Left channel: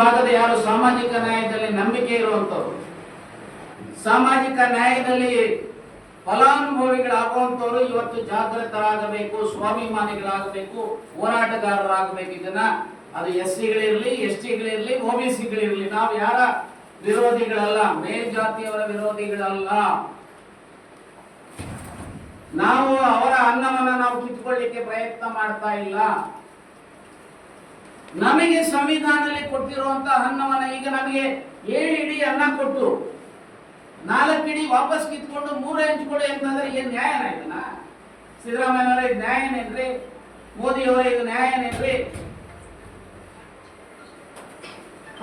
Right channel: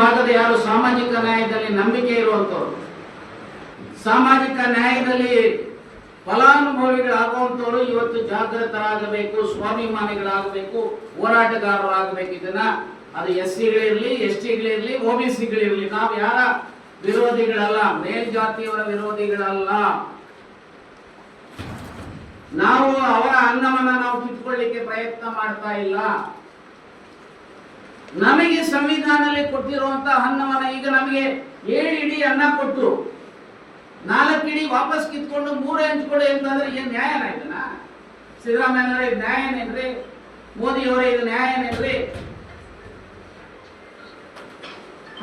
ಭಾಗದ ಯಾರು ಸಾಮಾಜಿಕ ನ್ಯಾಯದಲ್ಲಿ ನಂಬಿಕೆ ಇರುವಂತವ್ರು, ಸಾಮಾಜಿಕ ನ್ಯಾಯದಲ್ಲಿ ಫಲಾನುಭವಿಗಳಾಗುವಂತವರು ಇವತ್ತು ಜಾಗೃತರಾಗಬೇಕು, ಸ್ವಾಭಿಮಾನಿಗಳಾಗಬೇಕು, ಹೋರಾಟಗಾರರಾಗಬೇಕು. ಇದನ್ನ ಅದು SC-ಗಳಿರ್ಲಿ, ST-ಗಳಿರ್ಲಿ, OBC-ಗಳಿರ್ಲಿ, ನಾವು ಯಾರ ವಿರೋಧಿಗಳಲ್ಲ, ಮೇಲ್ಜಾತಿಯವರ ವಿರೋಧಿಗಳಲ್ಲ. ನಾವು ಅವರ ಅನ್ನವನ್ನ ನಾವು ಕಿತ್ಕೊಳ್ಳಿಕ್ಕೆ ಪ್ರಯತ್ನ ಮಾಡ್ತಾ ಇಲ್ಲ. ನಮಗೆ ಸಂವಿಧಾನದಲ್ಲಿ ಕೊಟ್ಟಿರುವಂತಹ ಅನ್ನವನ್ನ ಈಗ ನಮಗೆ 7 ಇಡಿ ಅನ್ನ ಕೊಟ್ಟು 4 ಇಡಿ ವಾಪಸ್ ಕಿತ್ಕೊಂಡು 3 ಹಂಚ್ಕೊಳ್ಳಿ ಅಂತಂದ್ರೆ ಏನ್ ನ್ಯಾಯನ ಇದನ್ನ? ಸಿದ್ದರಾಮಯ್ಯನವರ ಇದು ನ್ಯಾಯನೇನ್ರಿ? ಮೋದಿಯವರ ಇದು ನ್ಯಾಯನೇನ್ರಿ?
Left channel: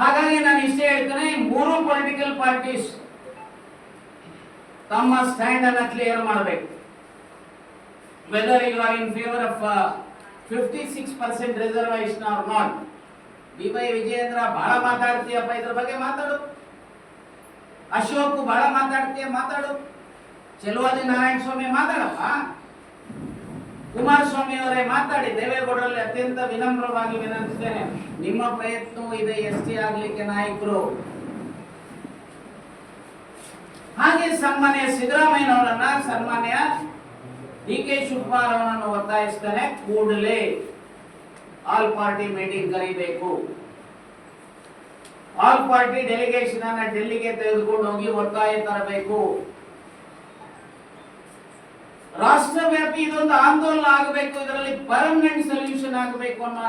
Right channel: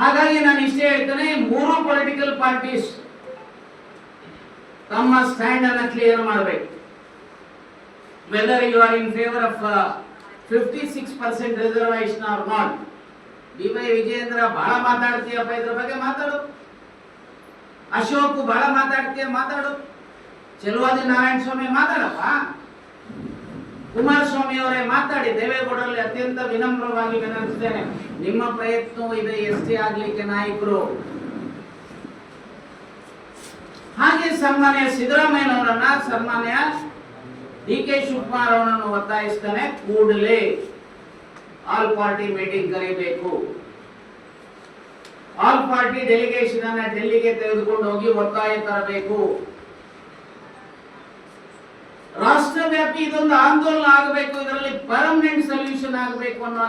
ಹಾಗಾಗಿ ನಾನು ಇಷ್ಟೇ ಹೇಳ್ತೇನೆ, 3 ಪೊಲಿಟಿಕಲ್ ಪಾರ್ಟೀಸ್ ತಮ್ಮ ಸ್ಟ್ಯಾಂಡ್ ಅನ್ನ ಕ್ಲಿಯರ್ ಮಾಡಬೇಕು. Whether you are in favour of 56% reservation or not. D Y. Vijayendra ಬಹಳ ಮಾತಾಡ್ತೀಯಪ್ಪ, ಇದ್ರ ಬಗ್ಗೆ ಮಾತಾಡು. ಅಶೋಕ್ ಬಹಳ ಮಾತಾಡ್ತೀಯ, ಮಾತಾಡು. ಚೆಲುವಾದಿ ನಾರಾಯಣ ಸ್ವಾಮಿ ಮಾತಾಡಪ್ಪ. ಕುಮಾರಸ್ವಾಮಿ ಅವರೇ ಮಾತಾಡಿ. ದೇವೇಗೌಡರಲ್ಲಿ ಅತ್ಯಂತ ವಿನಮ್ರವಾಗಿ ವಿನಂತಿಸ್ತೇನೆ, ನಿಮ್ಮ ಪ್ರಯತ್ನವೂ ಇದೆ ST ಆಗ್ಲಿಕ್ಕೆ ನಾಯಕರು. ಹಾಗೆ ಸನ್ಮಾನ್ಯ ಸಿದ್ದರಾಮಯ್ಯನವರನ್ನ, ಸನ್ಮಾನ್ಯ DK ಶಿವಕುಮಾರ್ ಅವರನ್ನು ಒತ್ತಾಯಿಸ್ತಾನೆ, ಕೂಡಲೇ ಆಲ್ ಪಾರ್ಟಿ ಮೀಟಿಂಗ್ ಕರೀಬೇಕು. ಆಲ್ ಪಾರ್ಟಿ ಡೆಲಿಗೇಷನ್ ಅನ್ನ ಡೆಲ್ಲಿಗೆ ತೆಗೆದುಕೊಂಡು ಹೋಗಿ ಒತ್ತಾಯ ತರಬೇಕು. ರಾಷ್ಟ್ರವ್ಯಾಪಿ ಇದೊಂದು ಆಂದೋಲನ ಆಗಬೇಕು, ಇದರಲ್ಲಿ ಪರ್ಮನೆಂಟ್ ಸೊಲ್ಯೂಷನ್ ಆಗಬೇಕು ಅನ್ನೋ